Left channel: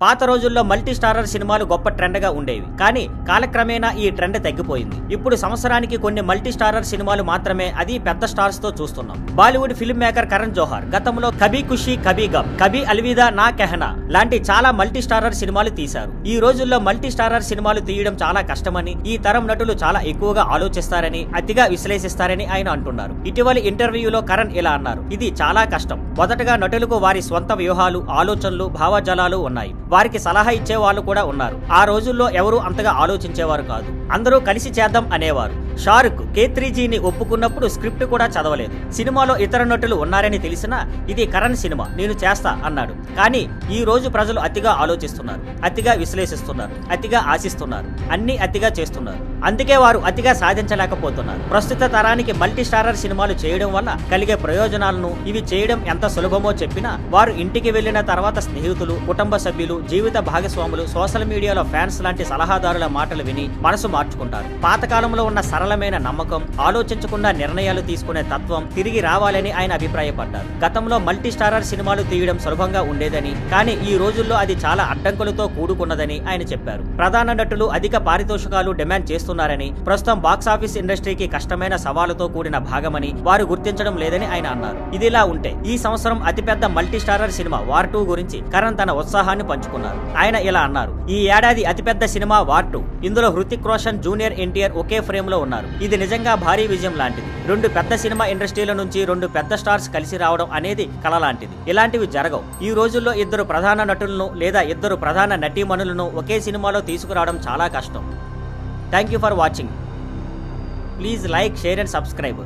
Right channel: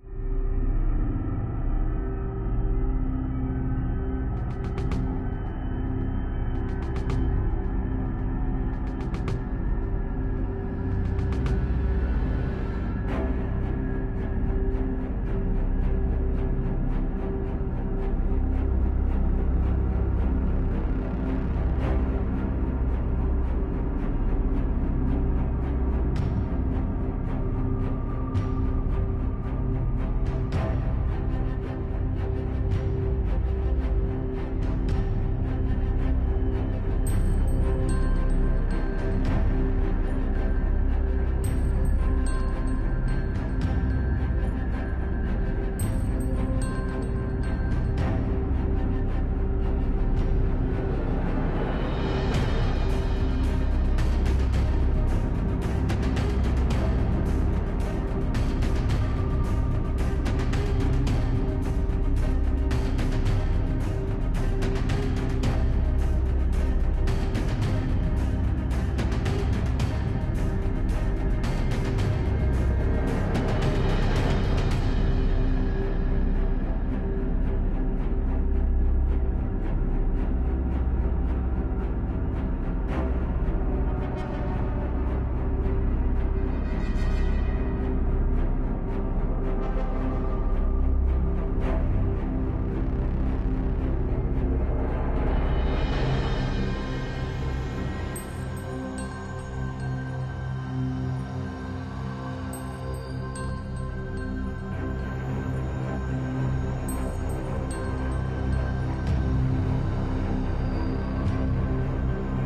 పాత రోజుల్లో multi starrer సినిమాలు గొప్ప ట్రెండ్ గా ఉండేవి, కానీ కాలక్రమేణా ఈ ట్రెండ్ తగ్గిపోయింది. ఇప్పుడు సంవత్సరానికి కొన్ని మల్టీ స్టారర్ సినిమాలు మాత్రమే, అది పెద్ద స్టార్స్ తో చూస్తున్నాం. బాలీవుడ్ ఫిల్మ్ మేకర్ కరణ్ జోహార్ గతంలో కభీ ఖుషీ కభీ గమ్, కభీ అల్విదా నా కెహనా లాంటి చాలా మల్టీ స్టారర్ సినిమాలు తీశారు. ఈ రోజుల్లో మల్టీ స్టారర్ సినిమాలు తీయడం చాలా కష్టమని, ఈ తరం నటులు చాలా ఎక్కువగా ఆలోచిస్తారని, అతిగా విశ్లేషిస్తారని ఆయన అంటున్నారు. ఇటీవలి ఇంటర్వ్యూలో కరణ్ ఇలా అన్నారు: ఇది చాలా కష్టం. మొదటగా నటులకు వారి స్వంత వ్యూహాలు, ఆలోచనలు, భావజాలాలు ఉన్నాయి. వారికి సలహా ఇచ్చే వాళ్ళు కూడా ఉన్నారు. ఆ రోజుల్లో ఎవరు అంతగా ఆలోచించేవారు కాదు. అందరూ కలిసి చేద్దాం అనేవారు. షారుఖ్ K3Gని ఒప్పుకున్నప్పుడు స్క్రిప్ట్ కూడా చదవలేదు. సినిమాలో ఇతర నటులు ఉన్నారని తెలిసినా ఇది కరణ్ సినిమా, నేను చేస్తా అన్నాడు. కానీ ఈ రోజు ప్రజలు అతిగా ఆలోచిస్తున్నారు, అతిగా విశ్లేషిస్తున్నారు, అతిగా ఆశిస్తున్నారు, అన్ని అతిగా చేస్తున్నారు. అందుకే వారు అతిగా సాధించలేకపోతున్నారు. ప్రస్తుత తరానికి మల్టీ స్టారర్ సినిమాలు చేయడం వల్ల కలిగే ప్రయోజనాలను, ఇవి చేయడం ఎంత సులభమో చెప్పినా వారు ఇంటికి వెళ్లిన తర్వాత స్నేహితులు, కుటుంబ సభ్యులు, జీవిత భాగస్వాములు, సోషల్ మీడియాలో ఫ్యాన్స్ లాంటి సలహాదారుల మాటలు విని మనసు మార్చుకుంటారు. పాతకాలంలో ఉన్న సరళమైన నమ్మకం, ఆలోచించకుండా నిర్ణయాలు తీసుకునే తత్వం తిరిగి రావాలని ఆయన అభిప్రాయపడ్డారు. గతంలో మల్టీ స్టారర్ సినిమాలు తీయడం సులభంగా ఉండేదని, కానీ ఈ రోజుల్లో అది చాలా అడ్డంకులతో కూడుకున్నదని ఆయన చెప్పారు. ప్రధాన నటులు అధిక పారితోషికాలు డిమాండ్ చేస్తున్నారని, ప్రస్తుతం బాక్సాఫీస్ ఇండస్ట్రీకి కష్టమైన సవాలుతో కూడిన భాగమని వారు గుర్తించడం లేదని ఆయన అన్నారు. ఇదిలా ఉంటే ఈ సంవత్సరం అతిపెద్ద మల్టీ స్టారర్ సినిమా వార్ 2 గురించి కరణ్ తన ఉత్సాహాన్ని పంచుకున్నారు. ఆయన ఇలా అన్నారు: ఈ ఏడాది అతిపెద్ద సినిమా వార్ 2. ఇందులో హృతిక్ రోషన్, జూనియర్ ఎన్టీఆర్ ఒకే ఫ్రేమ్ లో ఉన్నారు. ఇది నిజంగా భారీ విజయం లాంటిది. 2 పెద్ద సినిమా ఇండస్ట్రీల నుంచి 2 పెద్ద స్టార్స్ కలిసి రావడం అనేది కల లాంటిది. ఇలాంటివి జరగవు. ఈ రోజుల్లో 2 ప్రధాన నటులను లేదా 2 ప్రధాన నటీమణులను ఒకే సినిమాలో తీసుకురావడం చాలా కష్టం. Thank you for watching. Please like, share and subscribe.